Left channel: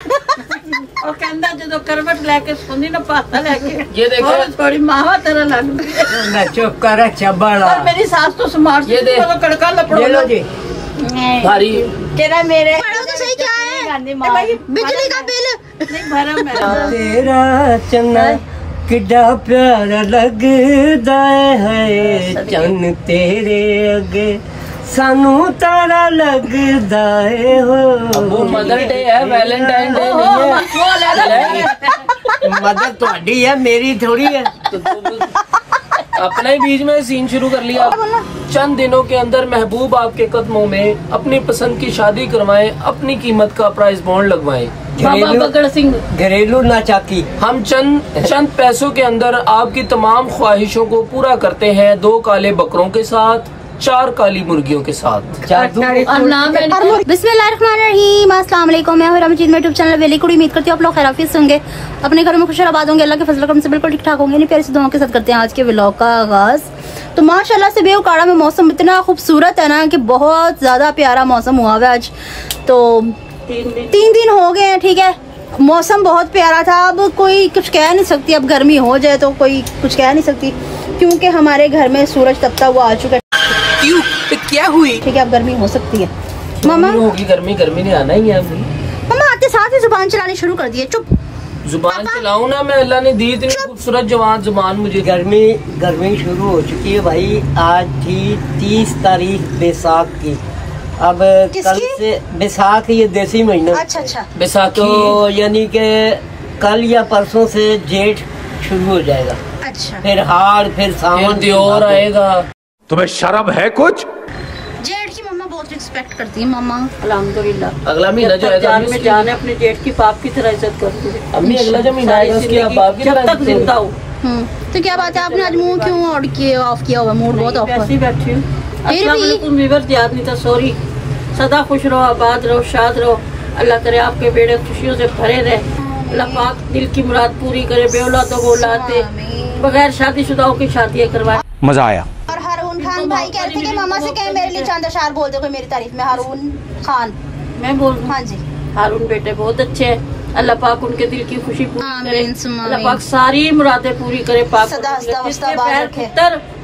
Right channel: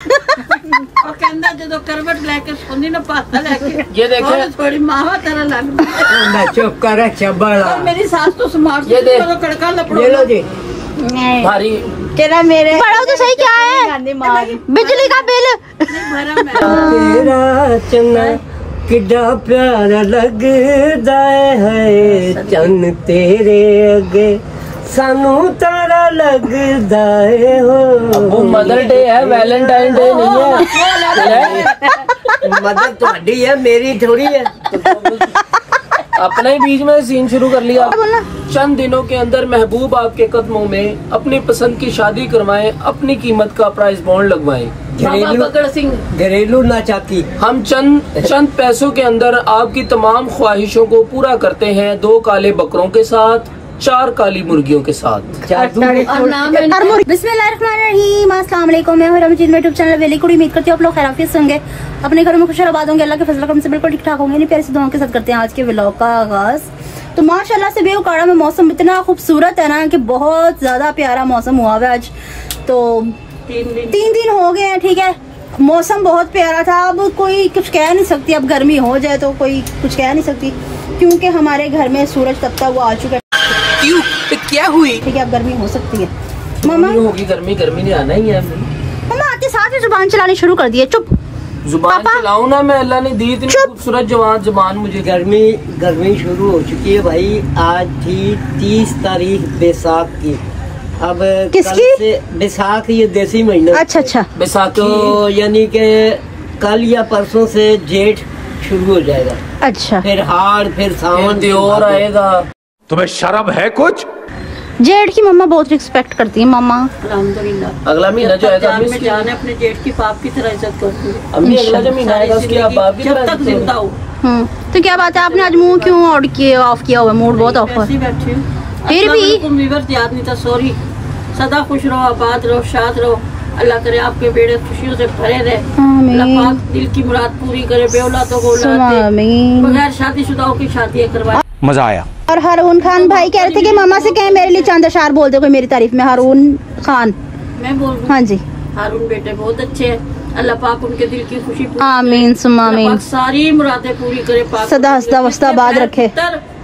और कहता जो करवट लेके सोनी ना पासा लेके ये देखो थोड़ी मावा तरह लग मैं चुप कर चबड़ा। मेरी सास तो स्मार्ट ये दे कड़का लपड़ो ले लो जी। भारी तेरा मेरे पढ़ो तो सही क्या है? बिजली का बिल भरा मैं तेरा चन्ना किड्डा प्यारा लगदा है चन्न तेरे अगे सानू तारा लगदा है वो मदर डे है, वैलेंटाइन डे नहीं है। मदद तुम्हारी है मेरी थोड़ी है। अपने ही बीच में सीन शुरू कर लिया। चंद दिनों के अंदर महबूब आपके कदमों में अपनी पसंद की शादी करवाएं, अपनी कीमत का प्राइस बॉन्ड लगवाएं। घरेलू नाचाकी हम चंद पैसों के अंदर आपकी तमाम ख्वाहिशों को पूरा करते हैं, 2 काले बकरों के साथ, 4 काली मुर्गियों के साथ। बिस्मिल्लाहिर्रहमानिर्रहीम, अस्सलाम वालेकुम। मैं हूं रमजीत, मेरे यूट्यूब चैनल वेली कुड़ी। उम्मीद करती हूँ आप लोग खैरियत से होंगे, अपने घरों में खुश आबाद होंगे, अल्लाह के फजल करम से बिल्कुल ठीक ठाक होंगे। नहीं प्यारी सी दुआओं के साथ करते हैं आज के व्लॉग का आगाज। तो माशाल्लाह से बेवकाड़ा में मौसम इतना खूबसूरत है ना कि बहुत ज्यादा प्यारा मौसम हुआ है आज। तो 3 दिन हो गए हैं, ठीक है, मौसम बहुत प्यारा था। अब कोई कुछ कह नहीं सकती, अब गर्मी हो जाए तो कोई कुछ कह नहीं सकती, क्योंकि हमारे घर में सूरज तपता हुआ आ चुका है। क्यों क्या हुई? ठीक है, अब गर्मी हो सकती है। मामा होगी गर्मी ने आना ही है। मामा आते साथ ही जुबान चलानी शुरू कर दी है। चुप जुबान चलाऊं ना मैं, अल्लाह ने दी इतनी खूबसूरत जुबान मुझे। गर्मी शुरू हो चुकी है भाई। आज थी 30 तारीख बैसाख की। अब किसकी? कल से बैसाख, ये देसी महीना। अच्छा अच्छा, बैसाखी तो यानी के कल या परसों से जेठ शुरू हो जाएगा। अच्छा, फिर हाड़, फिर सावन, और आएगा। तुम्हें शर्म है कुछ? जेठ की मम्मा बहुत रिस्पेक्ट करती है मामा। अल्हम्दुलिल्लाह। अगला महीना जो है जान में जान है, अपने जेठ की पाप की तरह इज्जत करूंगी। अम्मी अगला जो महीना आएगा उसकी आप बाप की जब तक जिंदा हूँ। तो क्या बात है, आपने आज मुंह क्यों ऑफ किया हुआ? मूड बहुत ऑफ है। बैठी हूँ, फिर भी वीवर याद नहीं था, सॉरी। सदा खुश रहो, आबाद रहो, शाद रहो। अल्लाह करे आपके बेड़े खुशियों से भरे रहे। अल्लाह पाक दिल की मुराद पूरी करे, बेऔलादों को औलाद दे, बगैर शादीशुदाओं की शादियां करवाए। मजा आया। और हारून खान भाई कह रहे थे कि मामा से कहें मेरे लिए चंद अशार बोल दे कोई मेरी तारीफ में। हारून खान, मैं बोल दूं? हाँ जी। हारून बेटे बहुत अच्छे हैं, अल्लाह पाक उनके दिल की खुशी पूरी आमीन सुम्मा करे, आमीन। पाक सारी मुरादें पूरी करे, पाक सदा हंसदा वसदा बाद रखे।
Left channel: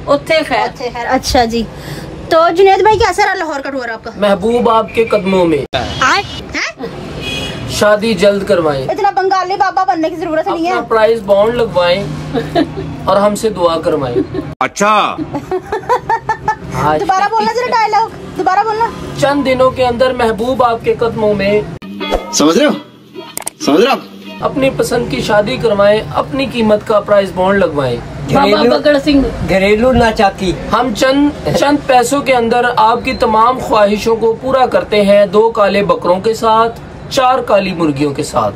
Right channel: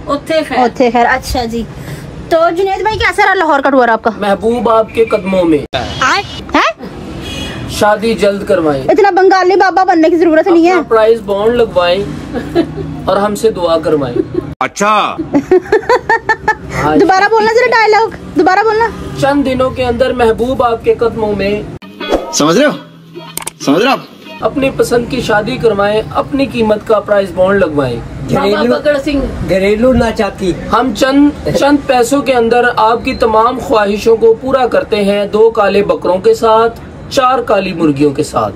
उत्थे खैर। अच्छा जी, तो जुनेद भाई कैसा रहा लाहौर का टूर आपका? महबूब आपके कदमों में, है? शादी जल्द करवाएं, इतना बंगाली बाबा बनने की जरूरत नहीं है। प्राइस बॉन्ड लगवाएं और हमसे दुआ करवाएं। अच्छा दोबारा बोलना जरा, डायलॉग दोबारा बोलना। चंद दिनों के अंदर महबूब आपके कदमों में, समझ रहे हो? अपनी पसंद की शादी करवाएं, अपनी कीमत का प्राइस बॉन्ड लगवाएं। घरेलू नाचाकी हम चंद पैसों के अंदर आपकी तमाम ख्वाहिशों को पूरा करते हैं, 2 काले बकरों के साथ, 4 काली मुर्गियों के साथ।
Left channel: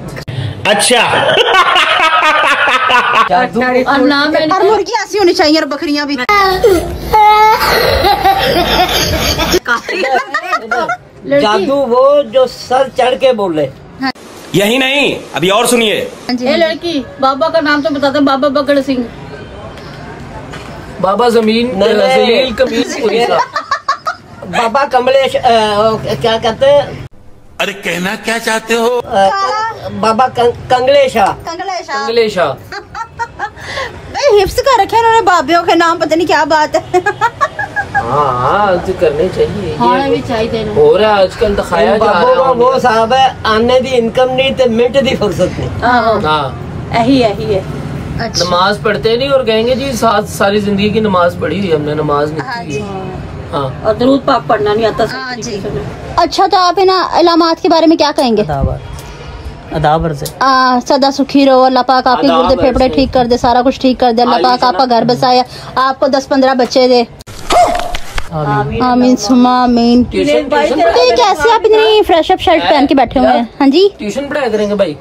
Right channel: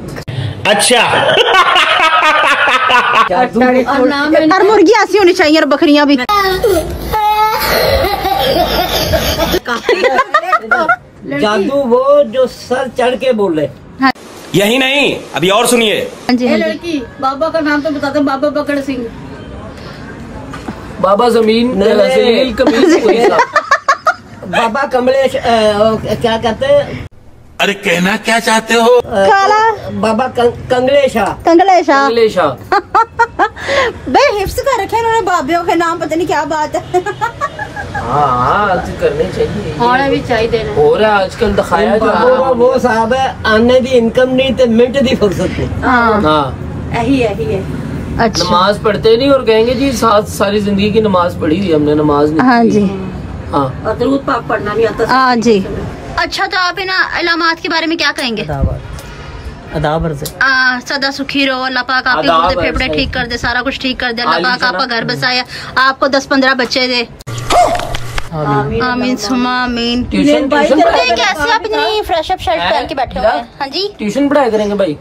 अच्छा हर मुर्गी ऐसी होनी चाहिए और बकरियां भी। जादू वो जो सर चढ़ के बोले। यही नहीं, अभी और सुनिए। ये लड़की बाबा का नाम तो बता दो, बाबा बकड़ सिंह। बाबा जमीन जलील कमीज पुलिस। बाबा कमलेश क्या कहते हैं? अरे कहना क्या चाहते हो? बाबा कंगलेशा। कंगलेशा भाई हिप्स कर रखे उन्होंने बाबियों के नाम, पता नहीं क्या बात है। हाँ करने चाहिए, होना भी चाहिए। हो रहा है आजकल, दिखाया जा रहा है। वो साहब है, आने दी इनकम नहीं तो मिनट दी फुर्सत नहीं। हाँ यही है। अच्छा, नमाज पढ़ते नहीं और कहेंगे जी सारी जिंदगी की नमाज पढ़ी हुई हमने, नमाज नहीं। हाँ जी, हाँ। और दरूद पाक पढ़ना नहीं आता। हाँ जी। अच्छा, तो आप इन इलामात के बारे में क्या कहेंगे? अदाबर से सदा सुखी रहो, अल्लाह पाक आपके गुर्दे फेफड़े ठीक कर दे, सारा कुछ ठीक कर दे, अल्लाह पाक आपका घर बसाया, आपको 10-15 बच्चे दे। आमीन सुमा आमीन। तो ये कैसे आप इतनी फ्रेश अप शर्ट पहन के बैठे हुए हैं? हाँ जी, ट्यूशन पढ़ाया करेंगे भाई।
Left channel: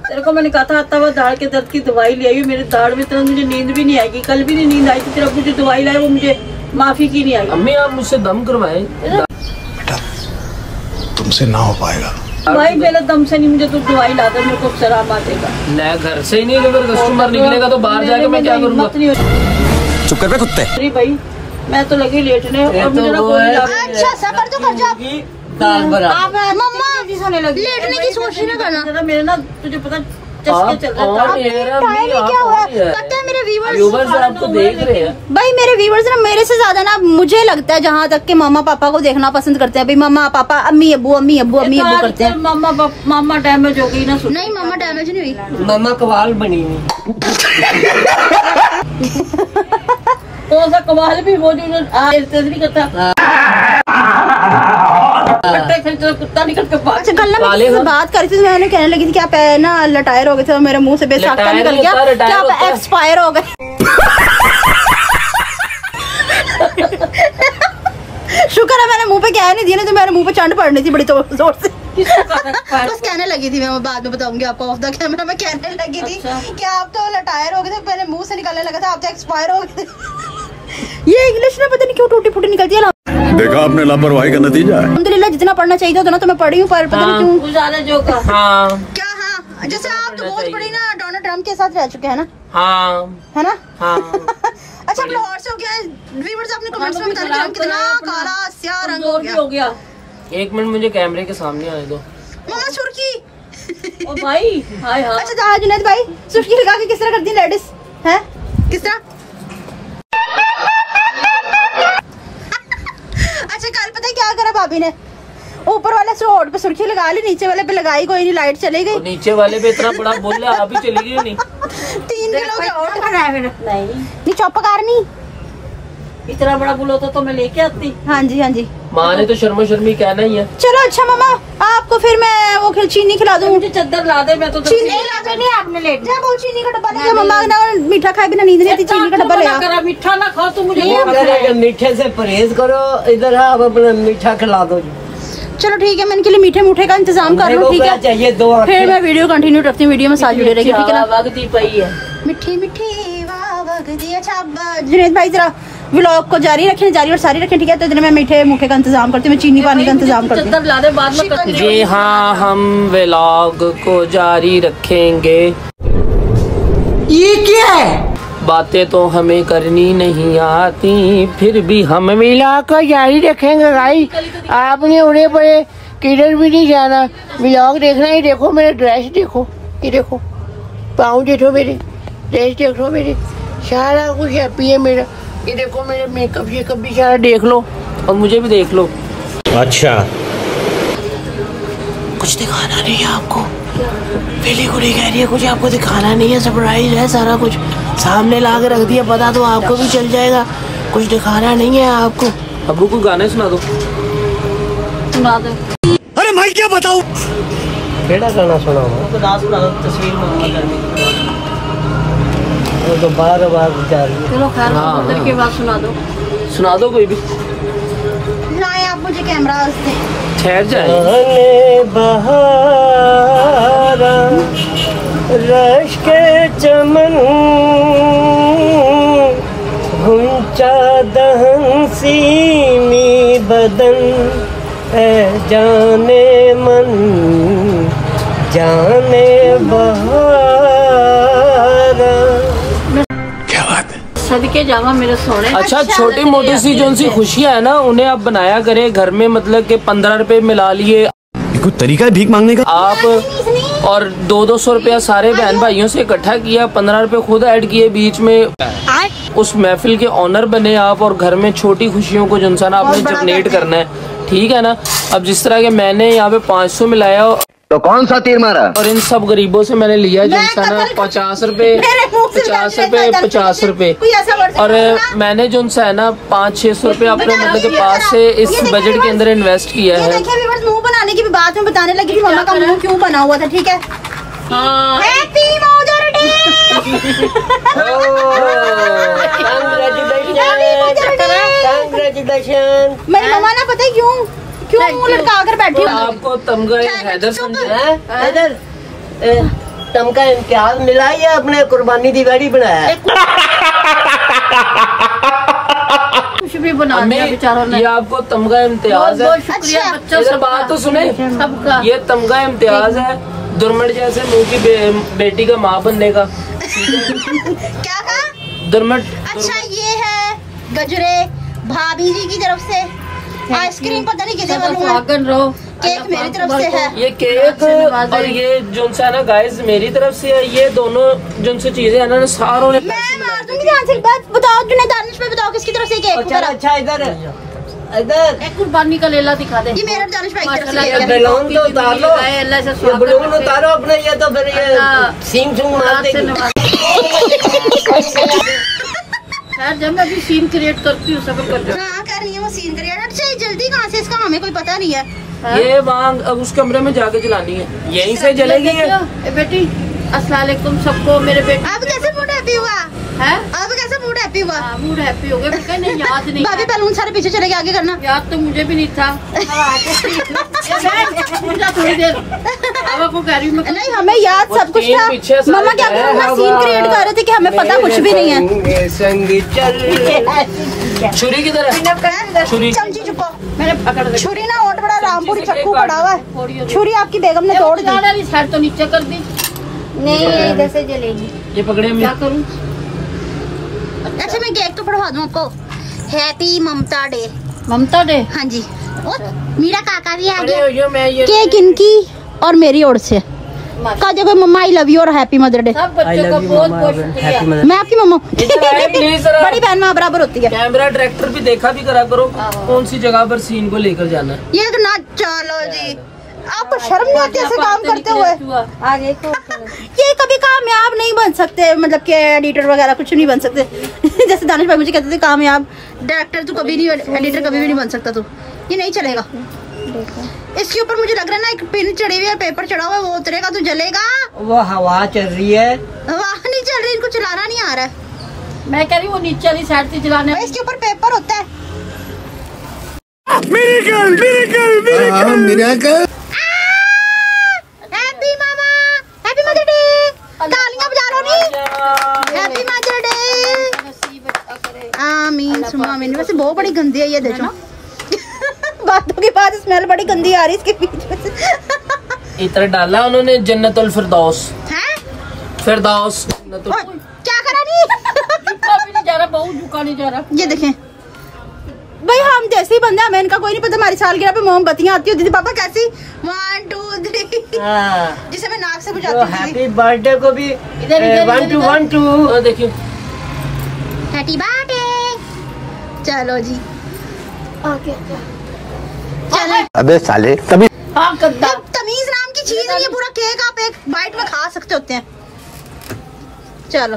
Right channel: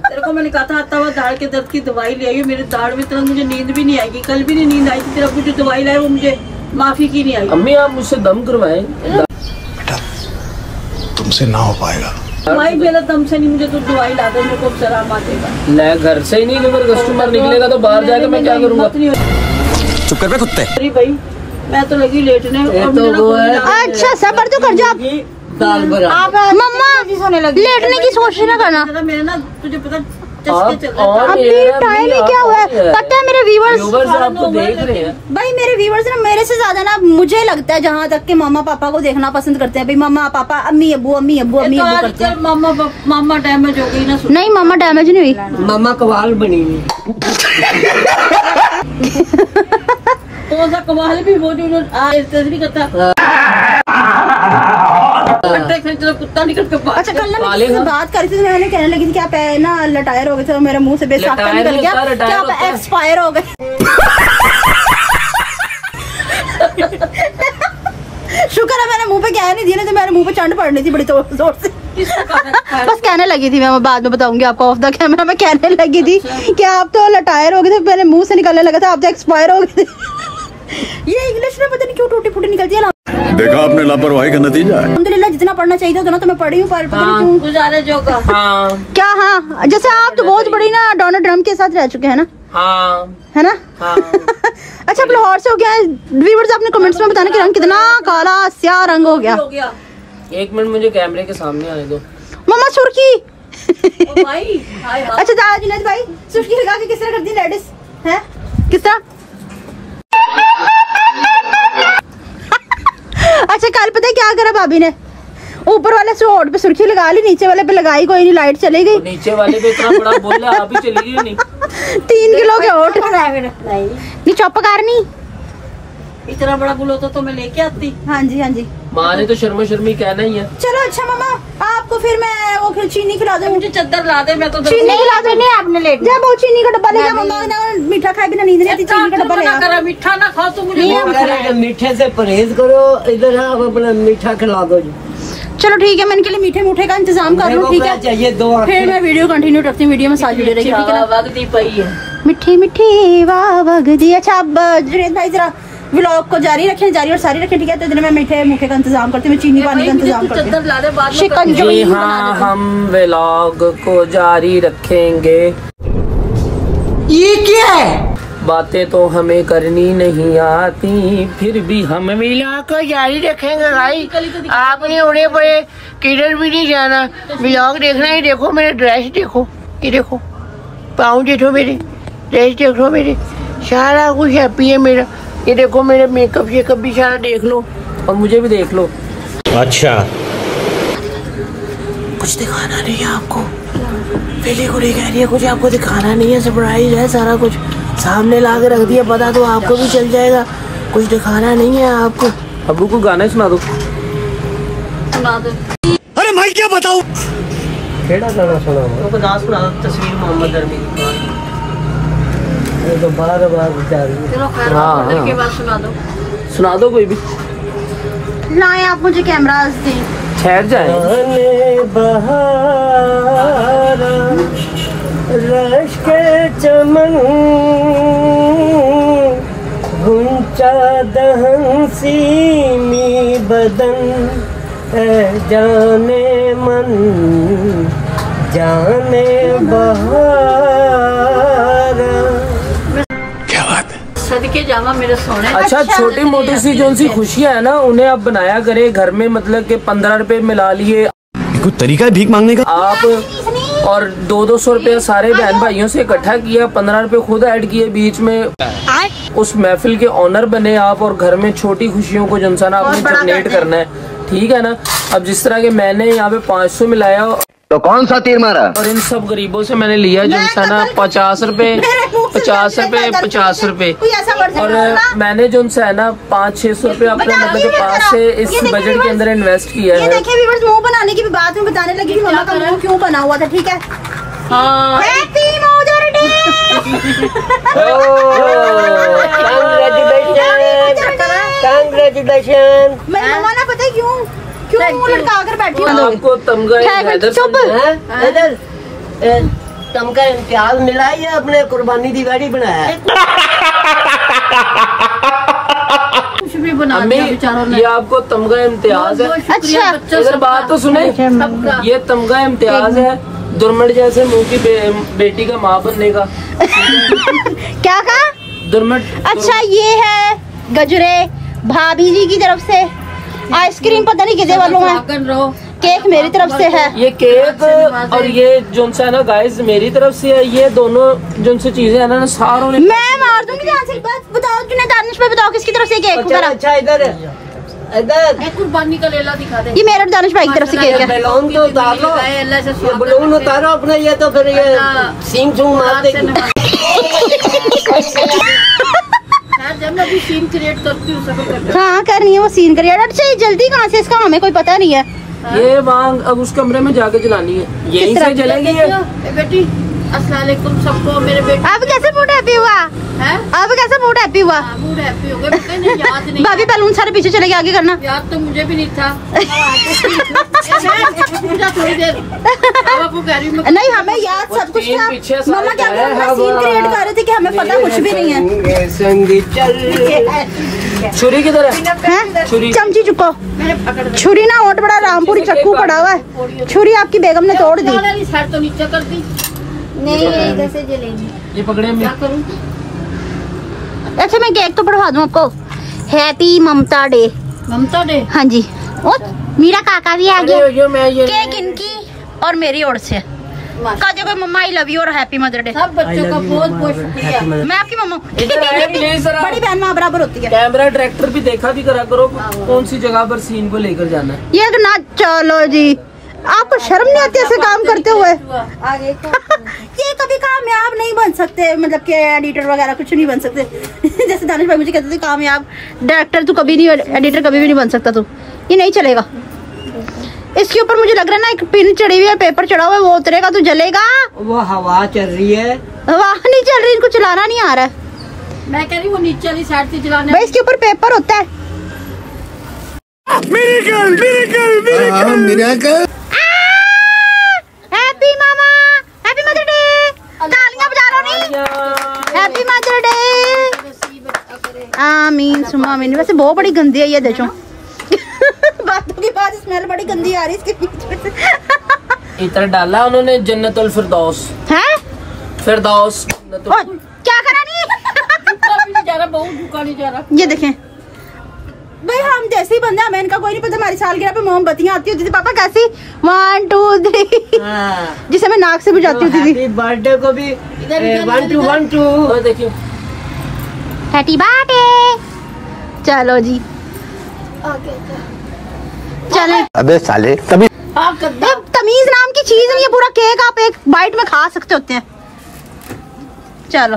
तेरे को मैंने कहा था आता हुआ दाढ़ के दर्द की दवाई ले आई। मेरे दाढ़ में तो मुझे नींद भी नहीं आएगी, कल भी नहीं नींद आई थी। तेरा मुझे दवाई लाए, वो मुझे माफी की नहीं आई। अम्मी आप मुझसे दम करवाएं। बेटा तुमसे ना हो पाएगा। दवाई मेरा दम से नहीं, मुझे तो दवाई ला दो, मेरे को शराब आ जाएगा। ले घर से ही नहीं, अगर कस्टमर निकलेगा तो बाहर जाके मैं क्या करूँगा? चुप कर बे कुत्ते। अरे भाई मैं तो लगी लेटने और मुझे ना कोई अच्छा सबर तो कर जाओ। दाल बना। मम्मा लेटने की सोच ना करना। मेरे ना तुझे पता चस्के चल रहा था। पता है मेरे व्यूवर्स आपको देख रहे हैं भाई, मेरे व्यूवर्स ना मेरे से ज्यादा ना मुझे लगता है जहाँ तक के मामा पापा को देखना पसंद करते हैं। भाई मामा पापा अम्मी अब्बू करते हैं। मामा डैमेज हो गई ना। नहीं मामा डैमेज नहीं हुई, मामा कवाल बनी हुई। कौन सा कमाल भी वो जो नहीं करता। कुत्ता निकल के बात। अच्छा कल ना मैं बात कर रही थी, मैंने कहने लगी थी कि आप ना लटायर हो गए थे, मेरे मुंह से बेसाख्ता निकल गया कि आप एक्सपायर हो गए। शुक्र है मैंने मुंह पे कह नहीं दिया, नहीं तो मेरे मुंह पे चंड पड़नी थी बड़ी जोर से। बस कहने लगी थी, मैं बाद में बताऊंगी आपको ऑफ द कैमरा। मैं कहने लगी थी कि आप तो लटायर हो गए थे, मेरे मुंह से निकलने लगा था, आप तो एक्सपायर हो गए थे। ये इंग्लिश में पता नहीं क्यों टूटी फूटी निकलती है। देखा आपने लापरवाही का नतीजा है। अल्हम्दुलिल्लाह जितना पढ़ना चाहिए था ना तो मैं पढ़ी हूँ, पर पता नहीं क्यों गुजारे जो का। हाँ क्या। हाँ जैसे आप तो बहुत बड़ी ना डोनाल्ड ट्रम्प के साथ रह चुके हैं ना। हाँ है ना। हाँ अच्छा आप लाहौर से हो गया। व्यूअर्स आपने कमेंट्स में बताना कि रंग कितना काला स्याह रंग हो गया। 1 मिनट मुझे कैमरे के सामने आने दो। मम्मा सुर्खी। ओ भाई हाय हाय। अच्छा जाना जुनैद भाई, सुर्खी लगा के किस तरह करती है लेडीज है, किस तरह। अच्छा कल पता है क्या करा भाभी ने, ऊपर वाले से होठ पे सुर्खी लगा ली, नीचे वाले पे लगाई कोई नहीं, लाइट चली गई। नीचे वाले पे इतना बड़ा बोला आप ही चली गई नहीं। 3 किलो के होठ नहीं चौप करनी। इतना बड़ा गुल होता तो मैं लेके आती। हाँ जी हाँ जी। माँ ने तो शर्मो शर्मी कहना ही है। चलो अच्छा मामा आपको फिर मैं वो चीनी खिला दूँ। मुझे चादर ला दे, मैं तो चीनी खिला दूँ। आपने लेट जा, वो चीनी का डब्बा ले जा। मम्मा ना मीठा खाए बिना नींद नहीं आती, चीनी का डब्बा ले आ। मीठा ना खाओ तो मुझे मीठे से परहेज करो। इधर आप अपना मीठा खिला दो जी। चलो ठीक है, मैं इनके लिए मीठे मूठे का इंतजाम कर लूँ। ठीक है चाहिए दो। फिर मैं वीडियो कंटिन्यू करती हूँ, वीडियो में साथ जुड़े रहेगी। ठीक है ना। वगदी पई है मिठी मिठी वाह वगदी। अच्छा अब जुनैद भाई जरा व्लॉग को जारी रखें, जारी और सारी रखें। ठीक है तो इधर मैं मीठे मूठे का इंतजाम करती हूँ, मैं चीनी पानी का इंतजाम करती हूँ। चादर ला दे बाद में। जी हाँ हम व्लॉग को जारी रखेंगे। ये क्या है? बातें तो हमें करनी नहीं आती, फिर भी हम व्लॉग को जारी रखेंगे भाई। आपने उन्हें पे किधर भी नहीं जाना, व्लॉग देखना है। देखो मेरे ड्रेस देखो, ये देखो पाँव देखो, मेरे ड्रेस देखो, मेरे सारा कुछ हैप्पी है मेरा। ये देखो मेरे मेकअप शेकअप भी सारा देख लो और मुझे भी देख लो। अच्छा कुछ दिखाना नहीं है आपको, पहले कुड़ी कह रही है कुछ आपको दिखाना नहीं है, सरप्राइज है सारा कुछ सामने ला के रख दिया, पता तो आपको भी चल जाएगा, कुछ दिखाना नहीं है आपको। अब्बू को गाना सुना दो। अरे मैं क्या बताऊं। केड़ा गाना सुनाओ? तो ना सुना दो, तस्वीर मोहम्मद अरमी। वो तो बार बार जा रही है। चलो खैर हाँ, के बाद सुना दो कोई भी। लाए आप मुझे कैमरा दे। ठहर जाए। बहारा रश के चमन घुंचा दहन सीमी बदन ए जाने मन जाने बहारा। क्या बात है। सदके जावा मेरे सोने। अच्छा छोटी मोटी सी जो सी खुशियाँ है ना उन्हें आप बनाया करे घर में, मतलब कि 15 रुपए मिला लिए। कोई तरीका है भीख मांगने का? आप और 200-200 रुपया सारे बहन भाइयों से इकट्ठा किया, 15 रुपए खुद ऐड किए बीच में, उस महफिल के ऑनर बने आप और घर में छोटी खुशियों को जो ना आपने जनरेट करना है। ठीक है ना। अब जिस तरह के मैंने यहाँ पे 500 मिलाया तो कौन सा तीर मारा? और इन सब गरीबों से मैंने लिया जो ना 50 रुपए 50 रुपए 50 रुपए, और मैंने जो है ना 500-600 रुपए अपने मतलब के पास से इस बजट के अंदर इन्वेस्ट किया है। देखिए व्यूअर्स, मुंह बनाने की भी बात में बताने लगी कि मम्मा का मुंह क्यों बना हुआ था। ठीक है हाँ मैं मम्मा ना पता है क्यों मुंह लटका कर बैठी हूँ। आपको तमगा हैदर इधर तमका इम्तियाज मिला या अपने कुर्बानी दी गाड़ी बनाया? कुछ भी बना दिया बेचारों ने। ये आपको तमगा इम्तियाज है। शुक्रिया बच्चों मेरी बात तो सुने, ये तमगा इम्तियाज है दुर्मट जैसे मुंह की बेटी का माँ बनने का। क्या कहा? दुर्मट। अच्छा ये है गजरे भाभी जी की तरफ से, आइसक्रीम पता नहीं कितने वालों है, केक मेरी तरफ से है। ये केक और ये जो है ना गाइस मेरी तरफ से है। ये दोनों जो से चीजें है ना सारों ने मैं मार दूंगी ध्यान से। बात बताओ जुनैद दानिश भाई, बताओ किसकी तरफ से केक वगैरह? अच्छा इधर इधर एक कुर्बानी का लेला दिखा दे। ये मेरा दानिश भाई की तरफ से केक है। बलून तो उतारो, अल्लाह से ये बलून उतारो अपने, ये तो फिर ये सींग सूंग मार देगी। यार जब मैं भी सीन क्रिएट करती हूँ सफर करती हूँ। हाँ कर रही है वो सीन करिए। अच्छा जल्दी कहाँ से, इसका हमें कोई पता नहीं है। ये मांग अब उस कमरे में जाके जलानी है, यहीं से जलेगी ये। बेटी अस्सलाम वालेकुम सबको। मेरे बेटे अब कैसे मूड हैप्पी हुआ है? अब कैसे मूड हैप्पी हुआ? मूड हैप्पी हो गया। मैंने याद नहीं, भाभी बैलून सारे पीछे चले गए, आगे करना। याद तो मुझे भी नहीं था। थोड़ी देर को कह रही हूँ नहीं, हमें याद सब कुछ पीछे था। सारे मम्मा क्या कर रहे हैं, सीन क्रिएट कर रहे थे कि हमें पता कुछ भी नहीं है। संग चल छुरी किधर है? छुरी चमची चुको, मैंने पकड़ दी। छुरी ना ओट बड़ा रामपुरी चक्कू पड़ा हुआ है। छुरी आपकी बेगम ने तोड़ दी। साइड तो नीचे कर दी। नहीं इधर से जलेगी। ये पकड़े क्या करूँ? अच्छा मैं केक तो पढ़वा दूँ आपको। हैप्पी ममता डे। ममता डे। हाँ जी, और मेरा काका भी आ गया। मैं केक इनकी और मेरी ओर से। कहा देखो मम्मा आई लव यू और हैप्पी मदर डे। सब बच्चों को बहुत बहुत शुक्रिया। मैं आपकी मम्मा प्लीज बड़ी बहन माँ बराबर होती है। कैमरा डायरेक्टर भी देखा भी करा करो कौन सी जगह पर सीन को लेकर जाना है। ये तो ना, चलो जी आपको शर्म नहीं आती ऐसे काम करते हुए? आगे तो ये कभी कामयाब नहीं बन सकते, मतलब कि एडिटर वगैरह कुछ नहीं बन सकते। जैसे दानिश भाई मुझे कहते थे कामयाब डायरेक्टर तू कभी नहीं, एडिटर कभी भी नहीं बन सकता तू। ये नहीं चलेगा। इसके ऊपर मुझे लग रहा है ना एक पिन चढ़ी हुई है, पेपर चढ़ा हुआ है, वो उतरेगा तो जलेगा। वो हवा चल रही है, हवा नहीं चल रही, इनको चलाना नहीं आ रहा है। मैं कह रही हूँ वो नीचे वाली साइड से चलाने। भाई इसके ऊपर पेपर होता है। Happy mama, happy mother day. तालियां बजा लो नी। Happy mother day. आमीन सुमा आमीन। वैसे बहुत बड़ी गंदी है ये, देखो बातों के बाद स्मेल बड़ी गंदी आ रही है इसके बीच में से। इतर डाला उन्होंने जन्नतुल फिरदौस है फिरदौस। क्या करा नहीं नहीं जा रहा, बहुत झुका नहीं जा रहा। ये देखें भाई, हम जैसे ही बंदे, हमें इनका कोई नहीं पता। हमारी सालगिरह पे मोमबत्तियां आती होती थी पापा कैसी 1 2 3 जिसे मैं नाक से बुझाती थी। हैप्पी बर्थडे को भी 1 2 1 2 देखियो हैप्पी बर्थडे। चलो जी चले। अबे साले तभी तमीज नाम की चीज नहीं है, पूरा केक आप एक बाइट में खा सकते होते हैं। चलो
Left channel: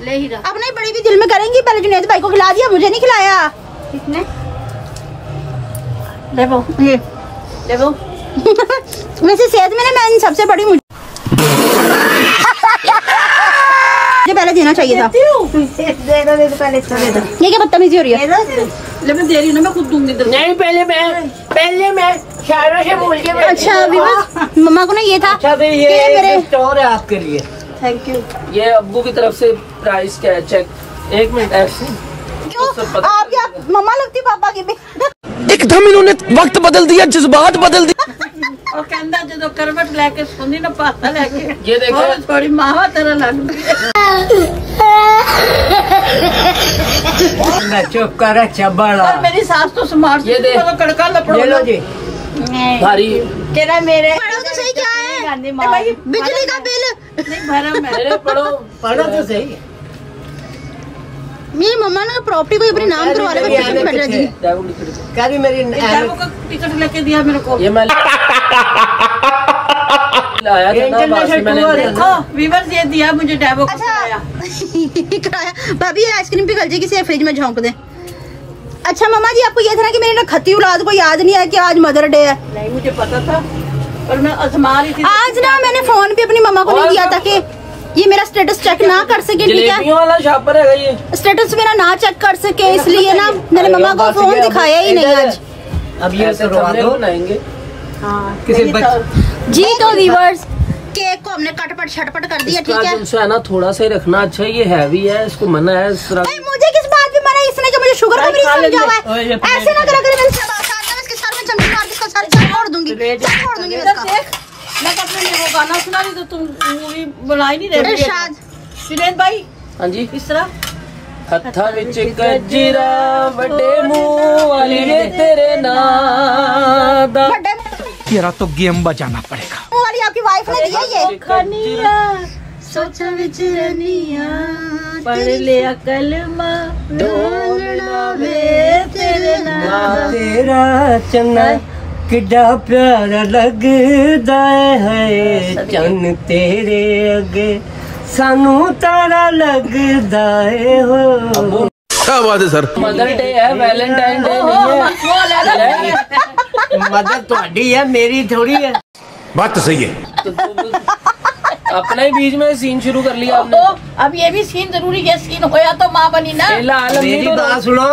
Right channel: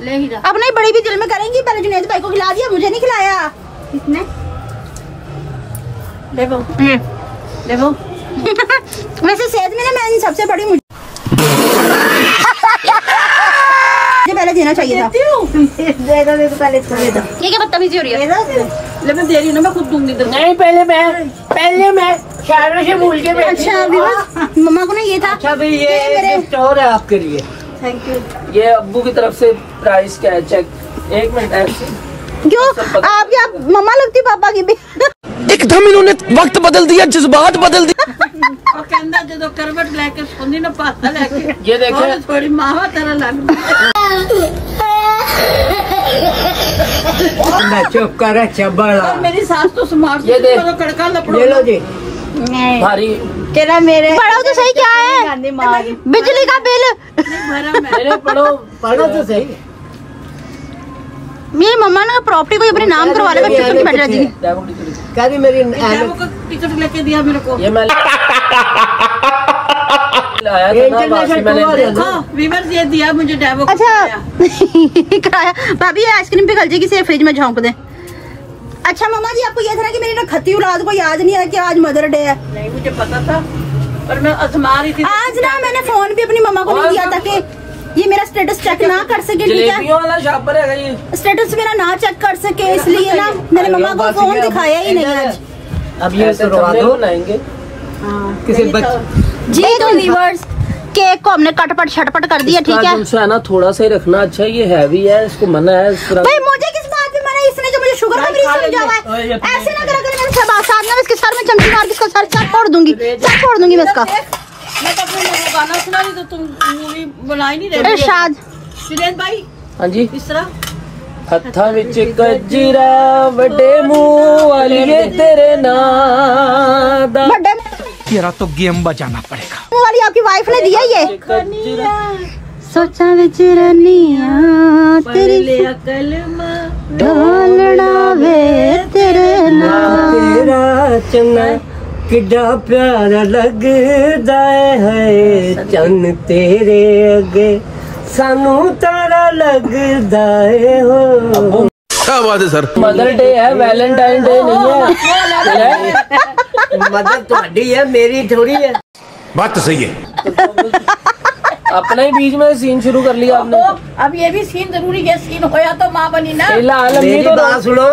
ले ही रहा। अब नहीं बड़ी भी दिल में करेंगी, पहले जुनैद भाई को खिला दिया, मुझे नहीं खिलाया। किसने? देखो देखो वैसे सेहत में ना मैं सबसे बड़ी मुझे पहले देना चाहिए था। दे दो पहले इसको दे दो। ये क्या बदतमीजी हो रही है? ले मैं दे रही हूँ ना, मैं खुद दूंगी। नहीं पहले मैं शायरों से भूल के। अच्छा विवास मम्मा को ना ये था अच्छा भाई, कि ये मेरे गिफ्ट और है आपके लिए। Thank you. ये अब्बू की तरफ से प्राइस क्या है चेक। एक मिनट ऐसे क्यों आपकी आप मम्मा लगती पापा की भी। एकदम इन्होंने वक्त बदल दिया, जज्बात बदल दिए। और कहता जो करवट लेके सोनी ना पासा लेके ये देखो और थोड़ी माँ तरह लग चुप कर चबड़ा। मेरी सास तो स्मार्ट ये दे। तो कड़का लपड़ो। ले लो जी। भारी तेरा मेरे पढ़ो तो सही क्या है? बिजली का बिल। भरा मैं मैंने पढ़ो पढ़ो तो सही। मेरी मम्मा ने प्रॉपर्टी को अपने नाम करवा लेकर चुप के बैठ रहती थी। क्या भी मेरी टिकट लेके दिया मेरे को। ये मैं लाया था ना बाहर से, मैंने देखो वीवर्स ये दिया मुझे डेवो को अच्छा कराया। भाभी ये आइसक्रीम पिघल जाएगी, इसे फ्रिज में झोंक दे। अच्छा मम्मा जी आपको ये था ना कि मेरी ना खत्ती औलाद को याद नहीं है कि आज मदर डे है? नहीं मुझे पता था पर मैं आजमा रही थी। आज ना मैंने फोन भी अपनी मम्मा को नहीं दिया था कि ये मेरा स्टेटस चेक ना कर सके, ठीक है? जलेबियों वाला शॉपर है ये। स्टेटस मेरा ना चेक कर सके, इसलिए ना मैंने मम्मा को फोन दिखाया ही नहीं आज। अब ये ऐसे करवा थंबनेल दो बनाएंगे। किसी बच्चे। जी तो व्यूअर्स केक को हमने कटपट छटपट कर दिया, ठीक है? तुमसे है ना थोड़ा सा ही रखना। अच्छा ये हैवी है, इसको मना है इस तरह। भाई मुझे किस बात पे मना है? इसने जो मुझे शुगर का मरीज समझा हुआ है, ऐसे ना करा करे। मुझे सामने इसके सर में चमची मार के इसको सारी चाट फोड़ दूंगी, चाट फोड़ दूंगी मैं इसका। मैं तो अपने वो गाना सुना रही तो तुम मूवी बना ही नहीं रहे। इरशाद जुनैद भाई हाँ जी इस तरह हत्था विच गजरा बड़े मुंह वाली तेरे नाम दा। तेरा तो गेम बजाना पड़ेगा। वाली आपकी वाइफ ने दिया ये। गजरा सोचा विच रनिया पढ़ लिया कलमा ढालना वे तेरे नाम। तेरा चन्ना किड्डा प्यारा लगदा है, चन्न तेरे अगे सानू तारा लगदा है हो। क्या बात है सर। मदर डे है, वैलेंटाइन डे नहीं है। मदर थोड़ी है, मेरी थोड़ी है। बात तो सही है। अपना ही बीच में सीन शुरू कर लिया आपने। अब ये भी सीन जरूरी है, सीन होया तो माँ बनी ना। मेरी बात सुनो,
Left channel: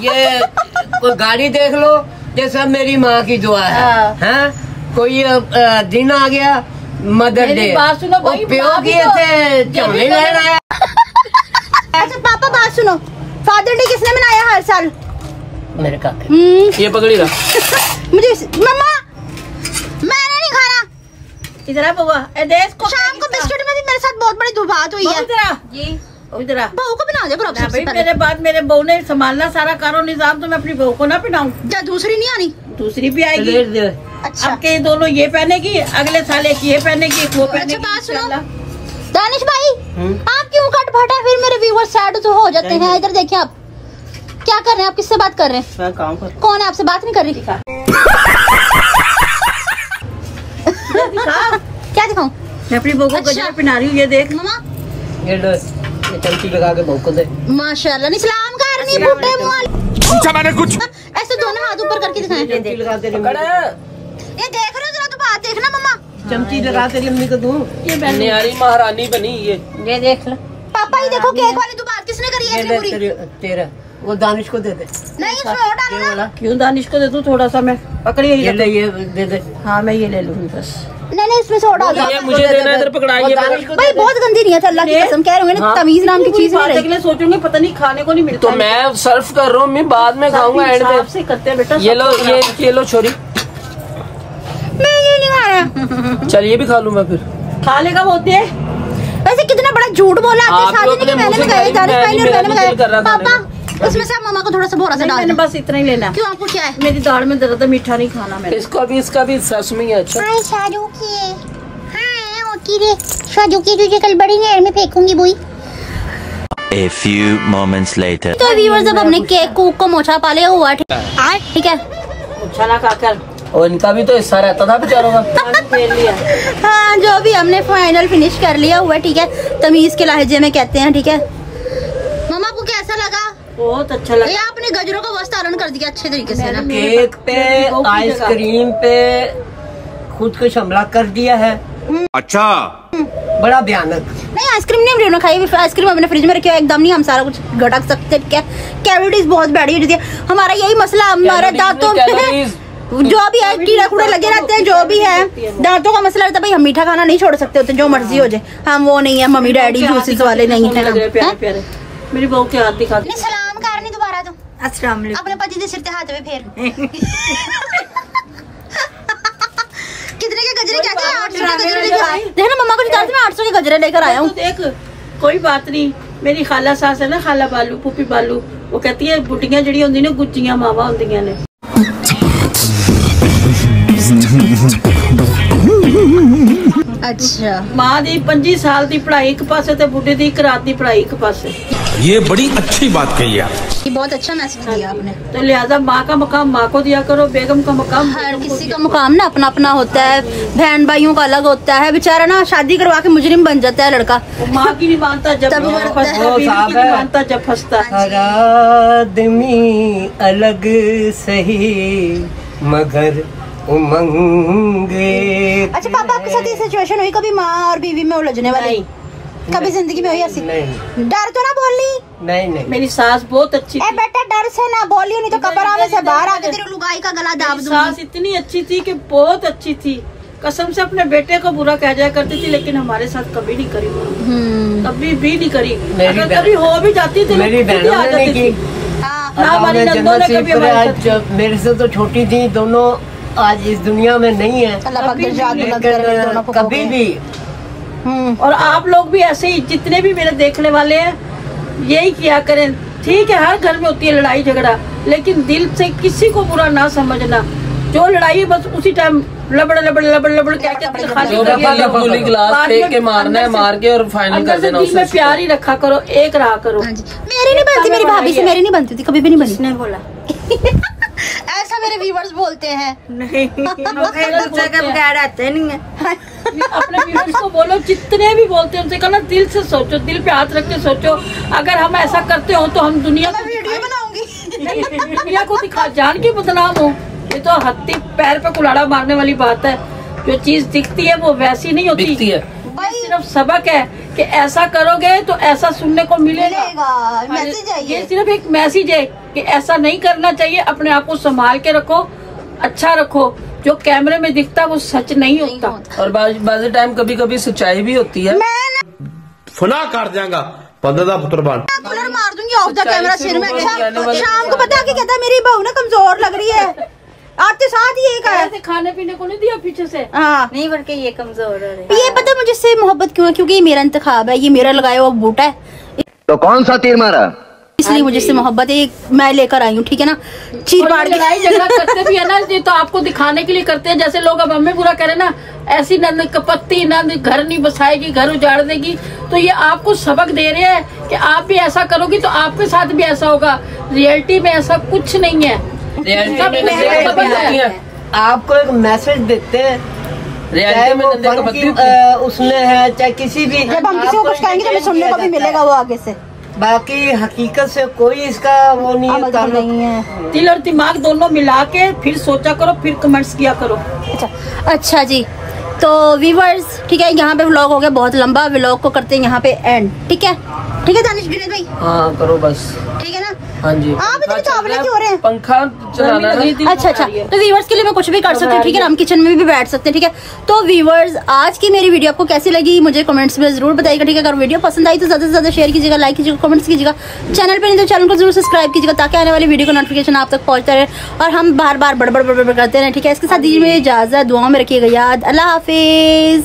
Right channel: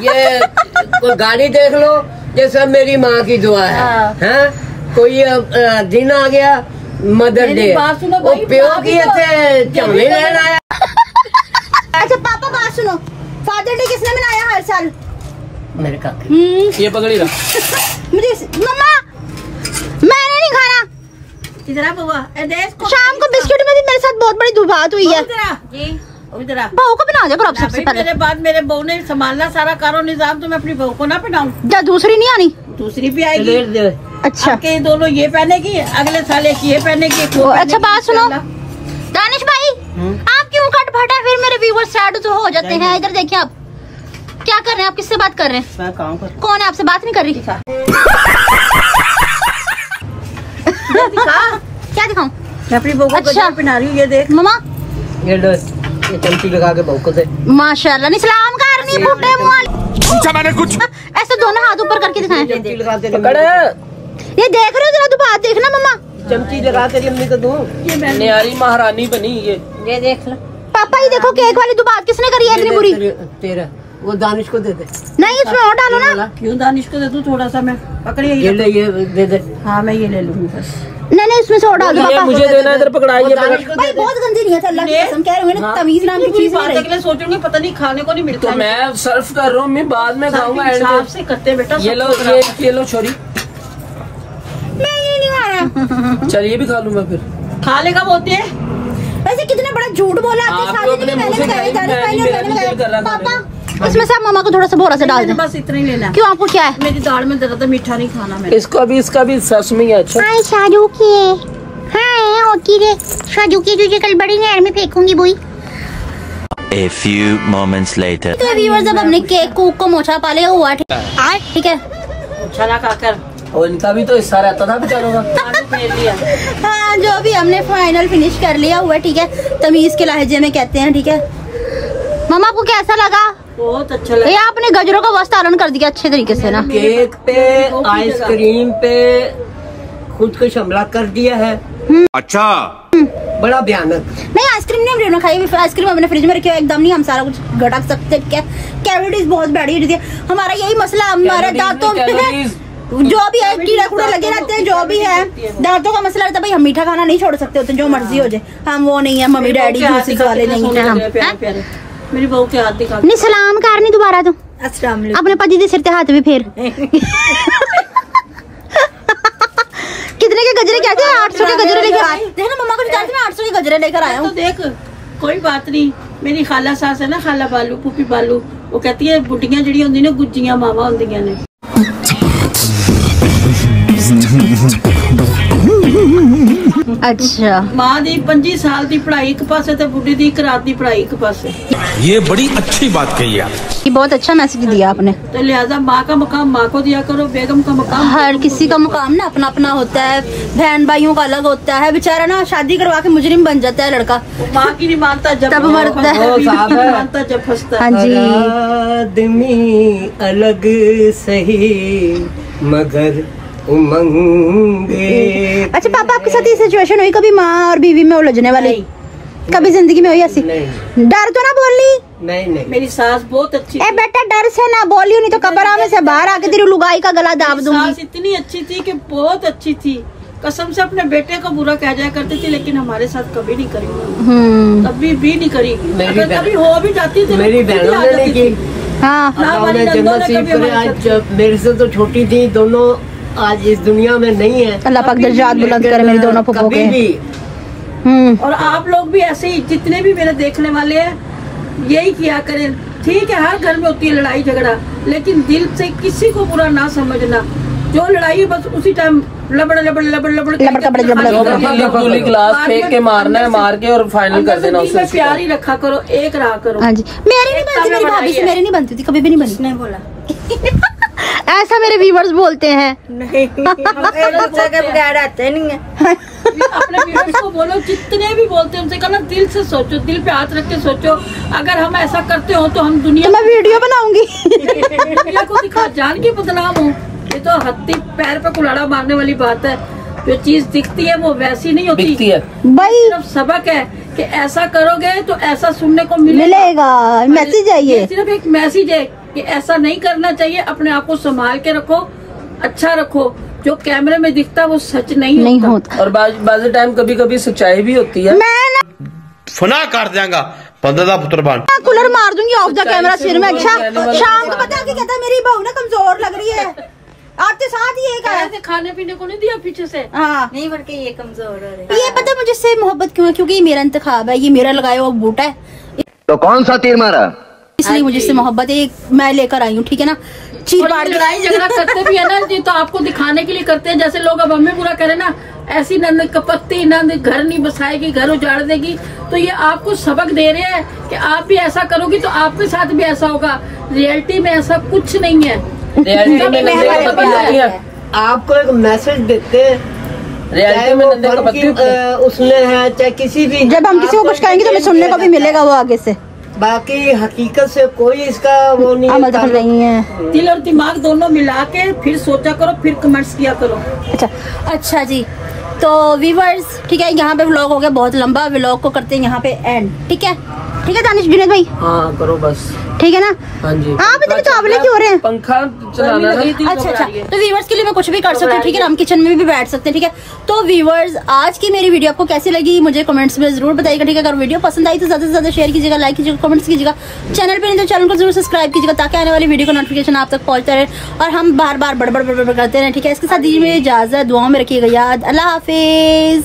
ये कोई गाड़ी देख लो, ये सब मेरी माँ की दुआ है। हैं? कोई दिन आ गया मदर डे, बात सुनो वो भाई, प्यो की ऐसे चमड़ी लेना है। अच्छा पापा बात सुनो, फादर डे किसने मनाया हर साल? मेरे का ये पकड़ी रहा। मुझे मम्मा मैंने नहीं खाना। इधर आ बउआ, शाम को बिस्किट में भी मेरे साथ बहुत बड़ी बात हुई है। इधर आ। बहू को बना दे करो सबसे भाई, पहले। मेरे बाद मेरे बहू ने संभालना सारा कारो निजाम, तो मैं अपनी बहू को ना पहनाऊं। या दूसरी नहीं आनी? दूसरी भी आएगी। अच्छा अब के दोनों ये पहनेगी, अगले साल एक ये पहनेगी, एक वो अच्छा बात सुनो दानिश भाई, आप क्यों कट फटा? फिर मेरे व्यूअर्स सैड तो हो जाते हैं। इधर देखिए आप क्या कर रहे हैं, आप किससे बात कर रहे हैं? मैं काम कर। कौन है? आपसे बात नहीं कर रही। क्या दिखाऊं? मैं अपनी बहू को अच्छा। गजरा पहना रही हूँ, ये देख। मम्मा ये लो, ये चमची लगा के बहू को दे। माशाल्लाह, नहीं सलाम करनी बूढ़े मुंह। पूछा मैंने कुछ। ऐसे दोनों हाथ ऊपर करके दिखाएं। चमची लगा तेरी ये देख रहे हो, जरा तो हाथ देखना मम्मा। चमची लगा तेरी अम्मी को दूं। ये मैंने न्यारी महारानी बनी ये। ये देख लो। पापा ये देखो केक वाली तो बात किसने करी है इतनी बुरी? तेरा वो दानिश को दे दे। नहीं इसमें और डालो ना। क्यों दानिश को दे दूं थोड़ा सा? मैं पकड़िए ये ले, ये दे दे। हाँ मैं ये ले लूंगी बस। नहीं इसमें से और डाल ये दो। मुझे देना, इधर पकड़ाइए। भाई बहुत गंदी नहीं है, अल्लाह की कसम कह रहे होंगे ना, तमीज नाम की चीज नहीं रही। सोचूंगी पता नहीं खाने को नहीं मिलता। तो मैं सर्व कर रहा हूँ, मैं बाद में खाऊंगा एंड में। से करते हैं बेटा। ये लो, ये लो छोरी। मैं ये नहीं खाया। चल ये भी खा लूँ मैं फिर। खा लेगा होते हैं। वैसे कितना बड़ा झूठ बोला आपने आप सारे लोग ने कि अपने मैंने मुंह से लगाया, दानिश भाई ने और मैंने मेरा दिल कर लगाया। रहा था पापा इसमें से मम्मा को थोड़ा सा बोरा से डाल मैंने दो। बस इतना ही लेना। क्यों आपको क्या है? मेरी दाढ़ में दर्द है, मीठा नहीं खाना मैंने। इसका भी सस में है। अच्छा हाय शादू की। हाँ ओके रे शादू की, तुझे कल बड़ी नहर में फेंकूंगी बुई। A few moments later. तो व्यूअर्स अब हमने केक को मोछा पा लिया हुआ, ठीक है। अच्छा ना खाकर और इनका भी तो हिस्सा रहता था बेचारों का। हाँ जो भी हमने फाइनल फिनिश कर लिया हुआ, ठीक है। तमीज के लहजे में कहते हैं, ठीक है। मम्मा आपको कैसा लगा? बहुत अच्छा लगा। ये आपने गजरों का वस्तारण कर दिया अच्छे तरीके से ना। केक पे, आइसक्रीम पे खुद को हमला कर दिया है। अच्छा बड़ा भयानक। नहीं आइसक्रीम नहीं हमने खाई, आइसक्रीम हमने फ्रिज में रखी है, एकदम नहीं हम सारा कुछ घटक सकते। क्या कैलोरीज बहुत बैठी है, हमारा यही मसला, हमारे दांतों में जो भी है कीड़े कूड़े लगे रहते हैं, जो भी है दांतों का मसला रहता है। भाई हम मीठा खाना नहीं छोड़ सकते होते, जो मर्जी हो जाए। हम वो नहीं है, मम्मी डैडी जूसेस वाले नहीं है हम। प्यारे मेरी बहू के हाथ दिखा। नहीं सलाम करनी दोबारा तो अपने पति के सिर पे हाथ भी फेर। कितने के गजरे कहते हैं? 800 के गजरे लेकर देखना मम्मा को जिताते मैं 800 के गजरे लेकर आया हूँ। तो देख कोई बात नहीं, मेरी खाला सास है ना, खाला बालू, पुपी बालू, वो कहती है बुढ़िया जड़ी होंदी ने गुज्जियां मावा होंदियां ने। अच्छा मां दी 25 साल दी पढ़ाई एक पासे ते बुढ़ी दी 1 रात दी पढ़ाई एक पासे। ये बड़ी अच्छी बात कही आप। ये बहुत अच्छा मैसेज दिया आपने। तो लिहाजा माँ का मकाम माँ को दिया करो, बेगम का मकाम हर किसी का मुकाम ना अपना अपना होता है, बहन भाइयों का अलग होता है। बेचारा ना शादी करवा के मुजरिम बन जाता है लड़का, माँ की नहीं मानता जब तब मरता है। बीवी की नहीं मानता जब फंसता है। हाँ जी। आदमी अलग सही मगर उमंगे। अच्छा पापा आपके साथ ये सिचुएशन हुई कभी माँ और बीवी में उलझने वाली? कभी जिंदगी में हुई ऐसी? नहीं डर तो ना बोलनी? नहीं मेरी सास बहुत अच्छी ए थी। बेटा डर से ना बोलियो, नहीं तो कब्र में से बाहर आके तेरी लुगाई का गला दाब मेरी सास दूंगी। इतनी अच्छी थी कि बहुत अच्छी थी, कसम से अपने बेटे को बुरा कह जाया करती थी, लेकिन हमारे साथ कभी नहीं करी, कभी भी नहीं करी। अगर कभी हो भी जाती थी मेरी तो खुद ही बहनों आ ने जाती की। थी। हाँ अल्लाह ने जन्नत नसीब करे। आज मेरे से तो छोटी थी दोनों, आज इस दुनिया में नहीं है, अल्लाह पाक दर्जात बुलंद करे मेरे दोनों कभी भी। और आप लोग भी ऐसे ही, जितने भी मेरे देखने वाले हैं, यही किया करें। ठीक है, हर घर में होती है लड़ाई झगड़ा, लेकिन दिल से किसी को बुरा ना समझना। जो लड़ाई है बस उसी टाइम लबड़ लबड़ लबड़ लबड़ गिलास फेंक के मारना है, मार के और फाइनल कर देना। उससे प्यार ही रखा करो, एक रहा करो। हाँ जी, मेरी नहीं बनती, मेरी भाभी से मेरी नहीं बनती थी, कभी भी नहीं बनी। किसने बोला? ऐसा मेरे व्यूअर्स बोलते हैं। नहीं, एक दूसरे के बगैर रहते नहीं है। अपने व्यूअर्स को बोलो, जितने भी बोलते हैं उनसे कहना दिल से सोचो, दिल पे हाथ रख के सोचो। अगर हम ऐसा करते हो तो हम दुनिया मैं वीडियो बनाऊंगी, दुनिया को दिखा जान के बदनाम हो। ये तो हत्ती पैर पे कुल्हाड़ा मारने वाली बात है। जो चीज दिखती है वो वैसी नहीं होती है भाई। सिर्फ सबक है कि ऐसा करोगे तो ऐसा सुनने को मिलेगा। मैसेज है ये सिर्फ एक मैसेज है कि ऐसा नहीं करना चाहिए। अपने आप को संभाल के रखो, अच्छा रखो। जो कैमरे में दिखता है वो सच नहीं होता। और बाज़ टाइम कभी कभी सच्चाई भी होती है। फना काट देगा पंद्रह का पुत्र बन, कूलर मार दूंगी ऑफ द कैमरा सिर में। अच्छा, शाम को पता है कि कहता मेरी बहू ना कमजोर लग रही है, आते साथ ही एक आया। खाने पीने को नहीं दिया पीछे से। हाँ, नहीं बल्कि ये कमजोर है। ये पता है मुझे से मोहब्बत क्यों है? क्योंकि ये मेरा इंतखाब है, ये मेरा लगाया हुआ बूटा है। तो कौन सा तीर मारा? इसलिए मुझे से मोहब्बत है, मैं लेकर आई हूँ। ठीक है ना, चीर पाड़ के लड़ाई झगड़ा करते भी है ना, ये तो आपको दिखाने के लिए करते हैं। जैसे लोग अब हमें बुरा करे ना, ऐसी नंद कपत्ती नंद घर नहीं बसाएगी, घर उजाड़ देगी। तो ये आपको सबक दे रहे हैं कि आप भी ऐसा करोगी तो आपके साथ भी ऐसा होगा। रियलिटी में ऐसा कुछ नहीं है। रियलिटी में आपको एक मैसेज देते हैं, चाहे वो उसमें है चाहे किसी भी, जब हम किसी को कुछ कहेंगे तो सुनने को भी मिलेगा वो आगे से। बाकी हकीकत से कोई इसका वो नहीं है। दिल और दिमाग दोनों मिला के फिर सोचा करो, फिर कमेंट्स किया करो। अच्छा जी, तो व्यूअर्स ठीक है, यहाँ पे व्लॉग हो गया बहुत लंबा। व्लॉग को करते हैं यहाँ पे एंड। ठीक है, ठीक है दानिश विनोद भाई। हाँ करो बस, ठीक है ना। हाँ जी, हाँ पता नहीं चावले क्यों हो रहे हैं, पंखा चलाना ना। अच्छा अच्छा, तो व्यूअर्स के लिए मैं कुछ भी कर सकती हूँ। ठीक है ना, हम किचन में भी बैठ सकते हैं। ठीक है, तो व्यूअर्स आज की मेरी वीडियो आपको कैसी लगी मुझे कमेंट्स में जरूर बताइएगा। ठीक है, अगर वीडियो पसंद आई तो ज्यादा से ज्यादा शेयर कीजिएगा, लाइक कीजिएगा, कमेंट्स कीजिएगा। चैनल पे नहीं तो चैनल को जरूर सब्सक्राइब कीजिएगा ताकि आने वाली वीडियो का नोटिफिकेशन आप तक पहुंचता रहे और हम बार बार बड़बड़ करते रहे। ठीक है, इसके साथ दीजिए मेरी इजाजत, दुआओं में रखिएगा याद। अल्लाह हाफिज।